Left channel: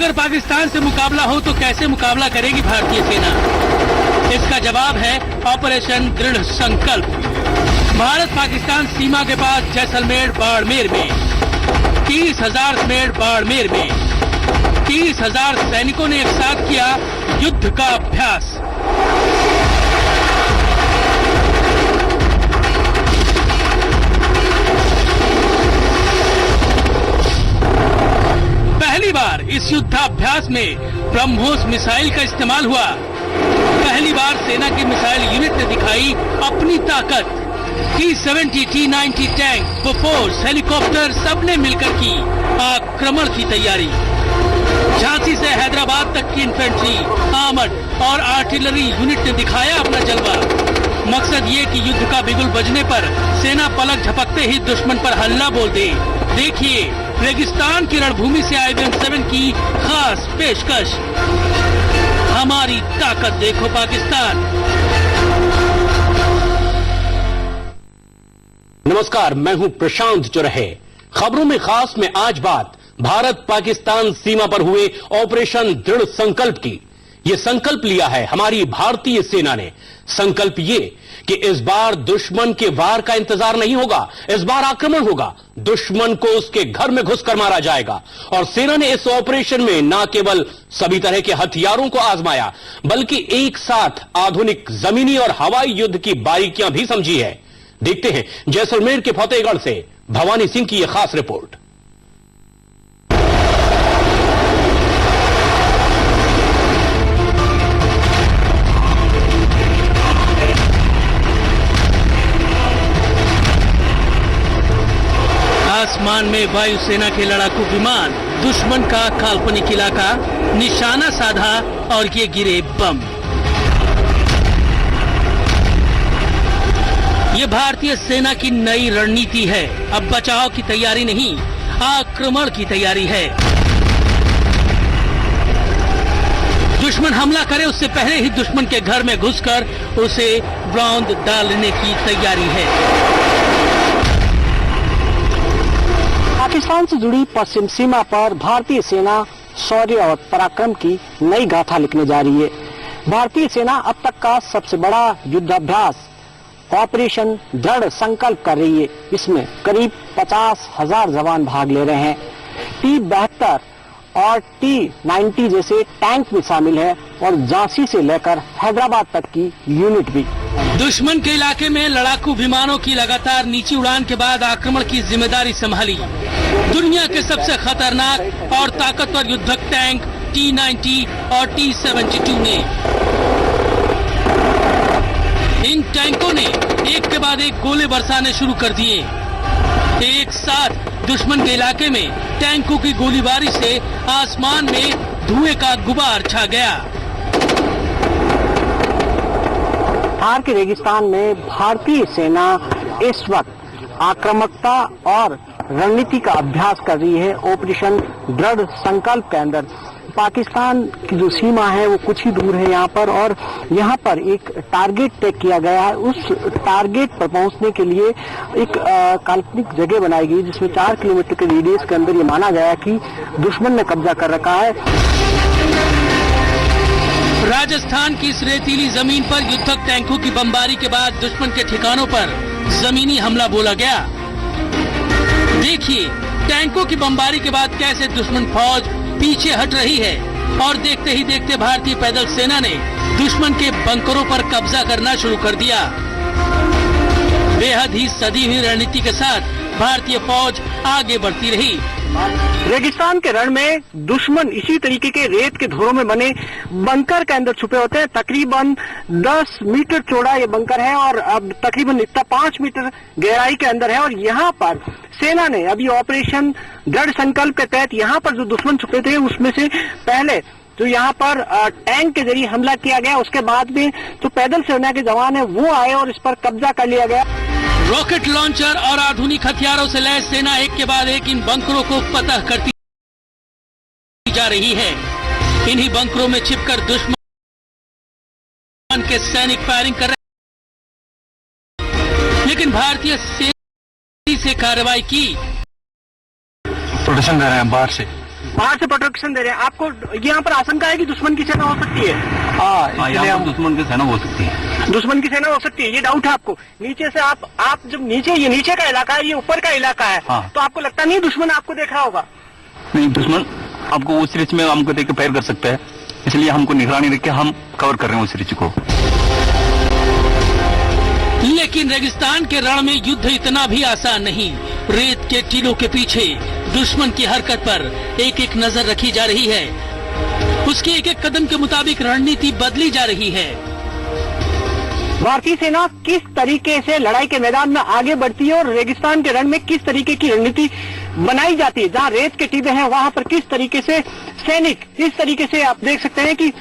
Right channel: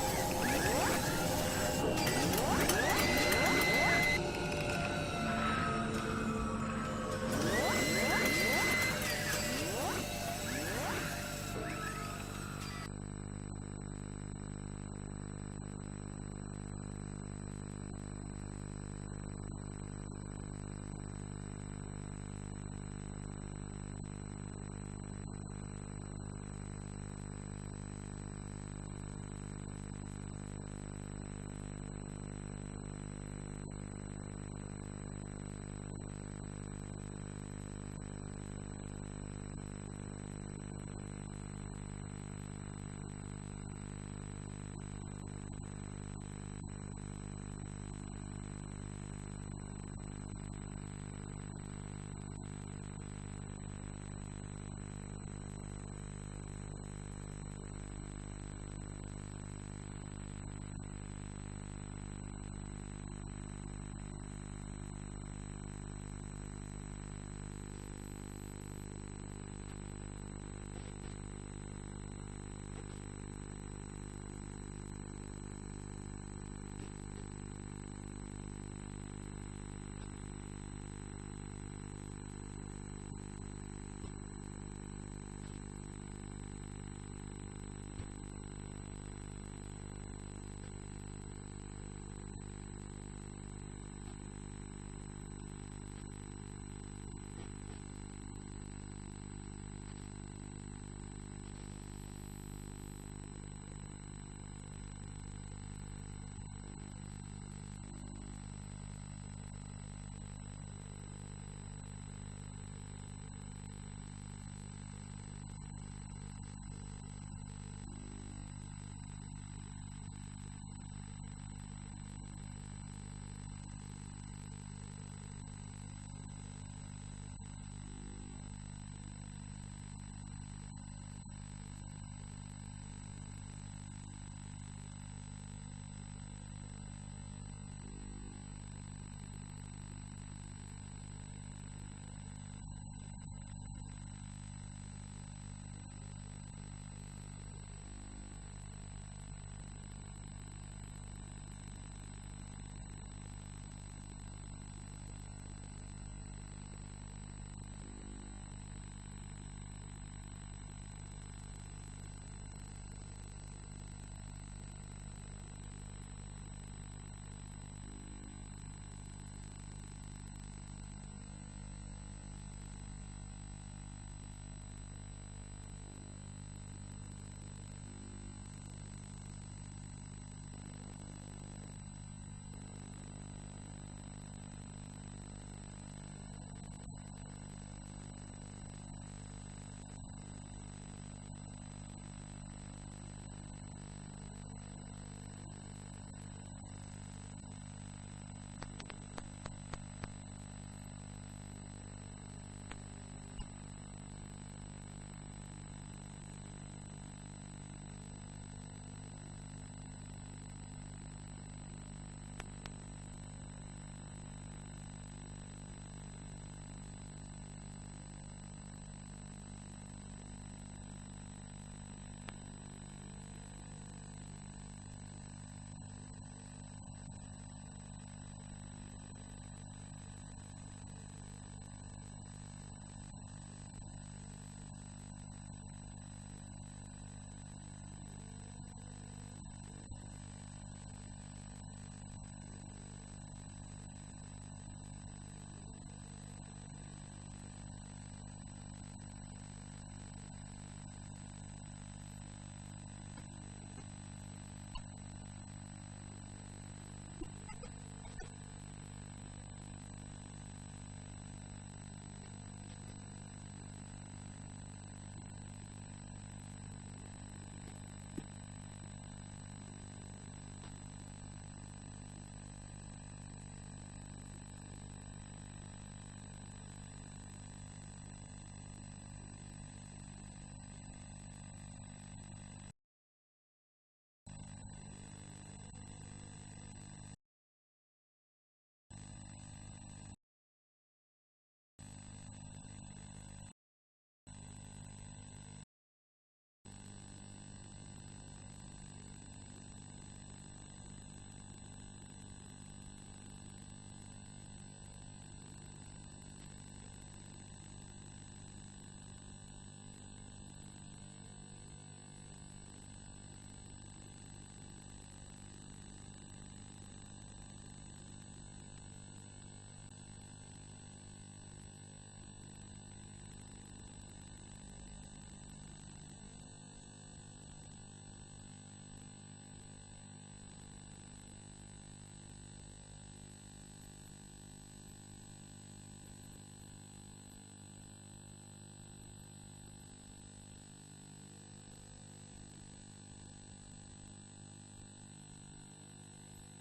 अगर पाकिस्तान से मुकाबला हो तो कैसे मुकाबला करेगी भारतीय सेना? इसका जवाब है ऑपरेशन दृढ़ संकल्प। भारत पाकिस्तान सीमा के पास जैसलमेर बाड़मेर में 30,000 समेत बाड़मेर में 30,000 सैनिकों ने एक साथ किया युद्ध का अभ्यास। पहली बार इस युद्धाभ्यास में ब्रह्मोस मिसाइल का इस्तेमाल हुआ। पहली बार सेना की मिसाइल यूनिट ने दिखाई अपनी ताकत। T-70, T-90 tank, Bofors, helicopter सबने मिलकर की आक्रमण की तैयारी। झांसी से हैदराबाद तक की इन्फेंट्री, आर्मर्ड और आर्टिलरी यूनिट ने दिखाया अपना जलवा। मकसद ये कि युद्ध का बिगुल बजने पर सेना पलक झपकते ही दुश्मन पर हल्ला बोल दे। देखिए रेगिस्तान की रणभूमि से IBM-7 की खास पेशकश। हमारी ताकत देखो पाकिस्तान। नमस्कार, मैं हूं प्रशांत चौरहे। खबरों में खास में आज बात भारत पाकिस्तान सीमा पर हुए ऑपरेशन दृढ़ संकल्प की। ये संकल्प लिया है हमारी भारतीय सेना ने। संकल्प ये कि इस बार दुश्मन के वार का इंतजार नहीं होगा, इस बार आक्रमण होगा। दुश्मन को उसके घर में घुसकर मारा जाएगा। और सेना ने इस ऑपरेशन में न केवल सभी तरह के हथियारों को आजमाया, बल्कि एक साथ आधुनिक जमीनी और हवाई युद्ध की बारीकियां भी समझी है। देखते हैं जैसलमेर के फतेहगढ़ से भवानी सिंह की यह खास रिपोर्ट। आसमान में वायुसेना के लड़ाकू विमान, दुश्मन का काल्पनिक इलाका, निशाना साधा और ये गिरे बम। ये भारतीय सेना की नई रणनीति है। अब बचाव की तैयारी नहीं, आक्रमण की तैयारी है। दुश्मन हमला करे उससे पहले ही दुश्मन के घर में घुसकर उसे रौंद डालने की तैयारी है। पाकिस्तान से जुड़ी पश्चिम सीमा पर भारतीय सेना शौर्य और पराक्रम की नई गाथा लिखने जा रही है। भारतीय सेना अब तक का सबसे बड़ा युद्धाभ्यास ऑपरेशन दृढ़ संकल्प कर रही है। इसमें करीब 50,000 जवान भाग ले रहे हैं। T-72 और T-90 जैसे टैंक भी शामिल है और झांसी से लेकर हैदराबाद तक की यूनिट भी। दुश्मन के इलाके में लड़ाकू विमानों की लगातार नीची उड़ान के बाद आक्रमण की जिम्मेदारी संभाली दुनिया के सबसे खतरनाक और ताकतवर युद्धक टैंक T-90 और T-72 ने। इन टैंकों ने एक के बाद एक गोले बरसाने शुरू कर दिए। एक साथ दुश्मन के इलाके में टैंकों की गोलीबारी से आसमान में धुएं का गुबार छा गया। थार के रेगिस्तान में भारतीय सेना इस वक्त आक्रामकता और रणनीति का अभ्यास कर रही है। ऑपरेशन दृढ़ संकल्प के अंदर पाकिस्तान की जो सीमा है वो कुछ ही दूर है यहाँ पर, और यहाँ पर एक टारगेट तय किया गया है। उस टारगेट पर पहुंचने के लिए एक काल्पनिक जगह बनाई गई जिसमें 4 किलोमीटर के रेडियस के अंदर ये माना गया कि दुश्मन ने कब्जा कर रखा है। राजस्थान की इस रेतीली जमीन पर युद्धक टैंकों की बमबारी के बाद दुश्मन के ठिकानों पर जमीनी हमला बोला गया। देखिए टैंकों की बमबारी के बाद कैसे दुश्मन फौज पीछे हट रही है, और देखते ही देखते भारतीय पैदल सेना ने दुश्मन के बंकरों पर कब्जा करना शुरू कर दिया। बेहद ही सदी हुई रणनीति के साथ भारतीय फौज आगे बढ़ती रही। रेगिस्तान के रण में दुश्मन इसी तरीके के रेत के धोरों में बने बंकर के अंदर छुपे होते हैं। तकरीबन 10 मीटर चौड़ा ये बंकर है और अब तकरीबन इतना 5 मीटर गहराई के अंदर है। और यहाँ पर सेना ने अभी ऑपरेशन दृढ़ संकल्प के तहत यहाँ पर जो दुश्मन छुपे थे उसमें से पहले जो यहाँ पर टैंक के जरिए हमला किया गया, उसके बाद में जो पैदल सेना के जवान है वो आए और इस पर कब्जा कर लिया गया। रॉकेट लॉन्चर और आधुनिक हथियारों से लैस सेना एक के बाद एक इन बंकरों को फतह करती जा रही है। इन्हीं बंकरों में छिपकर दुश्मन के सैनिक फायरिंग कर रहे हैं, लेकिन भारतीय सेना से कार्रवाई की। प्रोटेक्शन दे रहे हैं बाहर से, बाहर से प्रोटेक्शन दे रहे हैं आपको। यहाँ पर आशंका है कि दुश्मन की सेना हो सकती है। यहाँ पर दुश्मन की सेना हो सकती है। दुश्मन की सेना हो सकती है, ये डाउट है आपको। नीचे से आप जब ये नीचे का इलाका है, ये ऊपर का इलाका है, तो आपको लगता नहीं दुश्मन आपको देख रहा होगा? नहीं, दुश्मन आपको उस रिच में हमको देख के फायर कर सकता है, इसलिए हमको निगरानी रख के हम कवर कर रहे हैं उस रिच को। लेकिन रेगिस्तान के रण में युद्ध इतना भी आसान नहीं। रेत के टीलों के पीछे दुश्मन की हरकत पर एक एक नजर रखी जा रही है। उसके एक एक कदम के मुताबिक रणनीति बदली जा रही है। भारतीय सेना किस तरीके से लड़ाई के मैदान में आगे बढ़ती है और रेगिस्तान के रण में किस तरीके की रणनीति बनाई जाती है। जहां रेत के टीले हैं वहां पर किस तरीके से सैनिक, इस तरीके से आप देख सकते हैं कि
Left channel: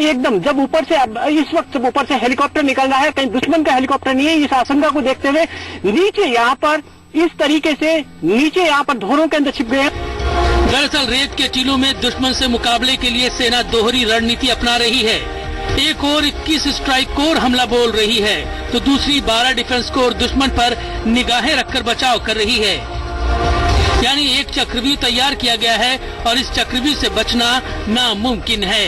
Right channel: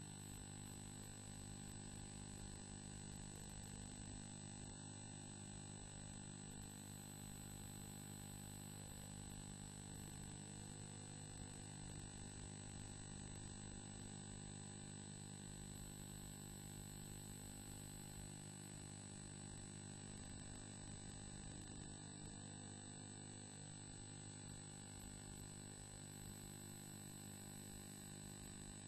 एकदम जब ऊपर से इस वक्त जब ऊपर से हेलीकॉप्टर निकल रहा है, कहीं दुश्मन का हेलीकॉप्टर नहीं है, इस आशंका को देखते हुए नीचे यहाँ पर इस तरीके से नीचे यहाँ पर धोरों के अंदर छिप गए हैं। दरअसल रेत के टीलों में दुश्मन से मुकाबले के लिए सेना दोहरी रणनीति अपना रही है। एक और 21 स्ट्राइक कोर हमला बोल रही है, तो दूसरी 12 डिफेंस कोर दुश्मन पर निगाहें रखकर बचाव कर रही है। यानी एक चक्रव्यूह तैयार किया गया है और इस चक्रव्यूह से बचना नामुमकिन है।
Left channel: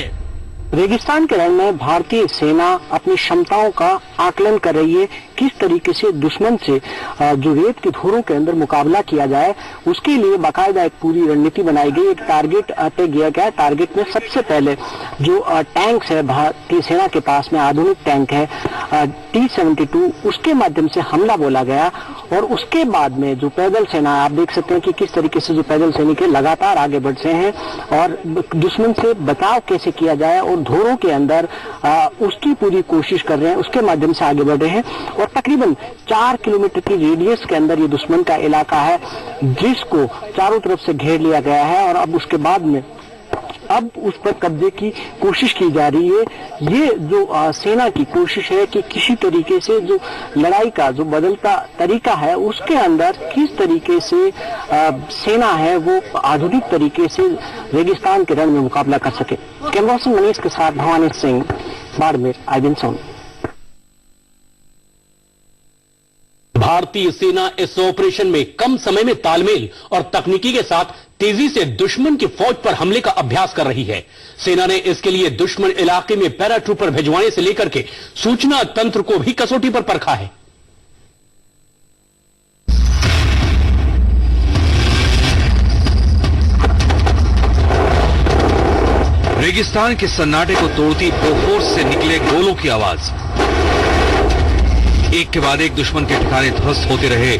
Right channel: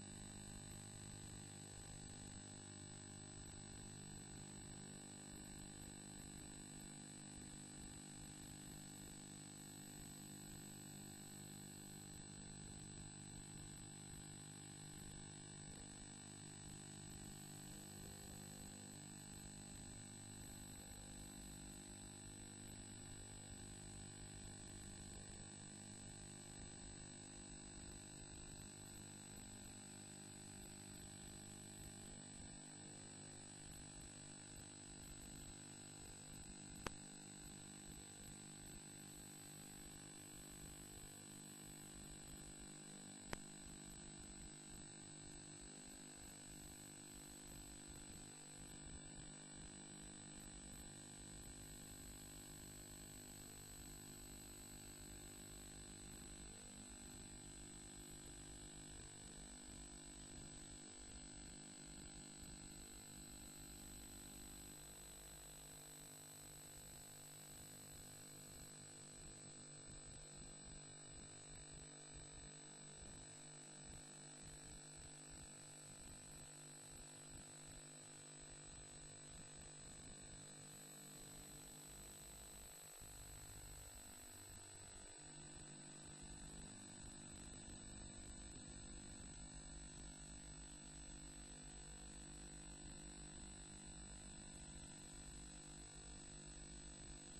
रेगिस्तान के रण में भारतीय सेना अपनी क्षमताओं का आकलन कर रही है, किस तरीके से दुश्मन से जो रेत के धोरों के अंदर मुकाबला किया जाए, उसके लिए बाकायदा एक पूरी रणनीति बनाई गई। एक टारगेट तय किया गया। टारगेट में सबसे पहले जो टैंक्स है भारतीय सेना के पास में, आधुनिक टैंक है T-72, उसके माध्यम से हमला बोला गया। और उसके बाद में जो पैदल सेना, आप देख सकते हैं कि किस तरीके से जो पैदल सैनिक है लगातार आगे बढ़ रहे हैं और दुश्मन से बचाव कैसे किया जाए और धोरों के अंदर उसकी पूरी कोशिश कर रहे हैं, उसके माध्यम से आगे बढ़ रहे हैं। और तकरीबन 4 किलोमीटर की रेडियस के अंदर ये दुश्मन का इलाका है, जिसको चारों तरफ से घेर लिया गया है और अब उसके बाद में अब उस पर कब्जे की कोशिश की जा रही है। ये जो सेना की कोशिश है कि किसी तरीके से जो लड़ाई का जो बदलता तरीका है, उसके अंदर किस तरीके से सेना है वो आधुनिक तरीके से रेगिस्तान के रण में मुकाबला कर सके। कैमरा पर्सन मनीष के साथ भवानी सिंह, बाड़मेर, IBN साउंड। भारतीय सेना इस ऑपरेशन में कम समय में तालमेल और तकनीकी के साथ तेजी से दुश्मन की फौज पर हमले का अभ्यास कर रही है। सेना ने इसके लिए दुश्मन इलाके में पैराट्रूपर भिजवाने से लेकर के सूचना तंत्र को भी कसौटी पर परखा है। रेगिस्तान के सन्नाटे को तोड़ती बोफोर्स से निकले गोलों की आवाज, एक के बाद एक दुश्मन के ठिकाने ध्वस्त होते रहे।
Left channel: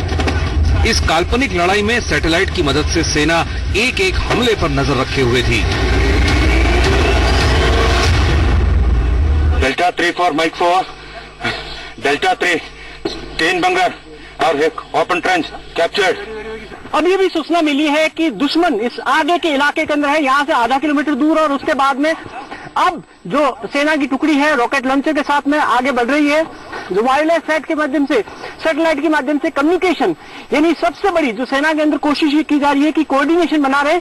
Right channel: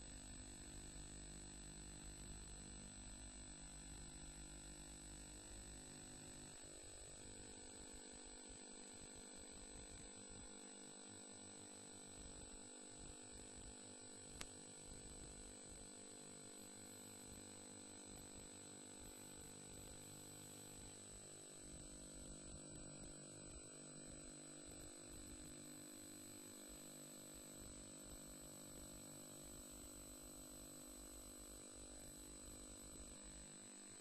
इस काल्पनिक लड़ाई में सैटेलाइट की मदद से सेना एक एक हमले पर नजर रखे हुए थी। Delta 3 for mike 4, delta 3 3 bunker और एक ओपन ट्रेंच कैप्चर्ड। अब ये भी सूचना मिली है कि दुश्मन इस आगे के इलाके के अंदर है, यहाँ से आधा किलोमीटर दूर, और उसके बाद में अब जो सेना की टुकड़ी है रॉकेट लॉन्चर के साथ में आगे बढ़ रही है। जो वायरलेस सेट के माध्यम से, सैटेलाइट के माध्यम से कम्युनिकेशन, यानी सबसे बड़ी जो सेना के अंदर कोशिश ये की जा रही है कि कोऑर्डिनेशन बना रहे।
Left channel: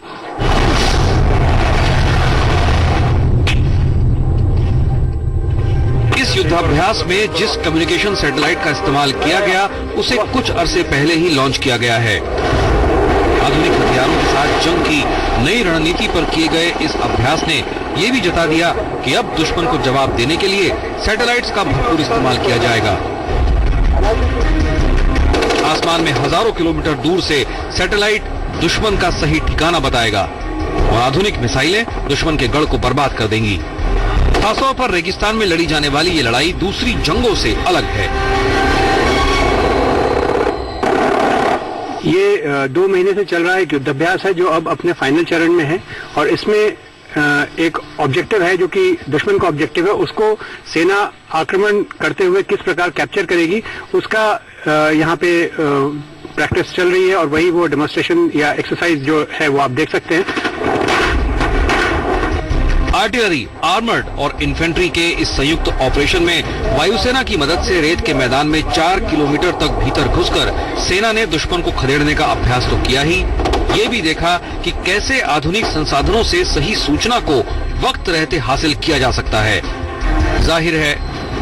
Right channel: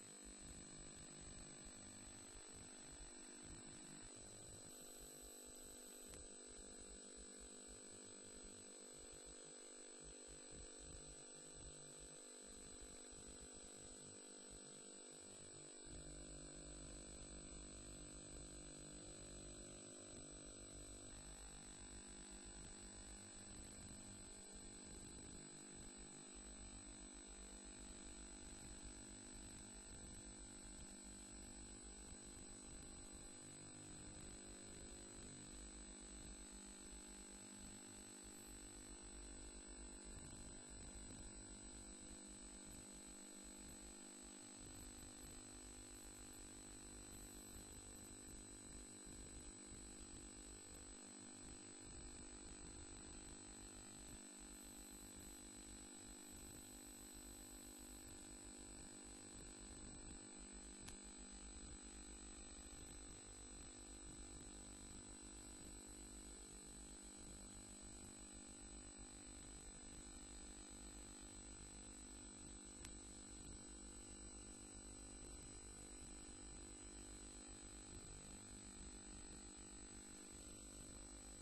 इस युद्धाभ्यास में जिस कम्युनिकेशन सैटेलाइट का इस्तेमाल किया गया, उसे कुछ अरसे पहले ही लॉन्च किया गया है। आधुनिक हथियारों के साथ जंग की नई रणनीति पर किए गए इस अभ्यास ने यह भी जता दिया कि अब दुश्मन को जवाब देने के लिए सैटेलाइट्स का भरपूर इस्तेमाल किया जाएगा। आसमान में हजारों किलोमीटर दूर से सैटेलाइट दुश्मन का सही ठिकाना बताएगा और आधुनिक मिसाइलें दुश्मन के गढ़ को बर्बाद कर देंगी। खासतौर पर रेगिस्तान में लड़ी जाने वाली ये लड़ाई दूसरी जंगों से अलग है। ये 2 महीने से चल रहा है युद्धाभ्यास है, जो अब अपने फाइनल चरण में है। और इसमें एक ऑब्जेक्टिव है, जो कि दुश्मन का ऑब्जेक्टिव है, उसको सेना आक्रमण करते हुए किस प्रकार कैप्चर करेगी, उसका यहाँ पे प्रैक्टिस चल रही है। और वही वो डेमोन्स्ट्रेशन या एक्सरसाइज जो है वो आप देख सकते हैं। आर्टिलरी, आर्मर्ड और इन्फेंट्री के इस संयुक्त ऑपरेशन में वायुसेना की मदद से रेत के मैदान में 4 किलोमीटर तक भीतर घुसकर सेना ने दुश्मन को खदेड़ने का अभ्यास तो किया ही, ये भी देखा कि कैसे आधुनिक संसाधनों से सही सूचना को वक्त रहते हासिल किया जा सकता है। जाहिर है,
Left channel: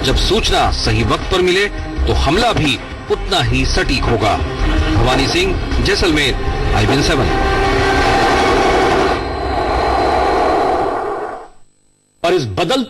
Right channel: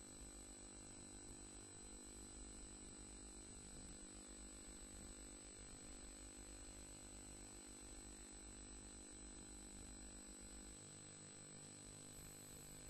जब सूचना सही वक्त पर मिले तो हमला भी उतना ही सटीक होगा। भवानी सिंह, जैसलमेर, IBN 7। और इस बदलती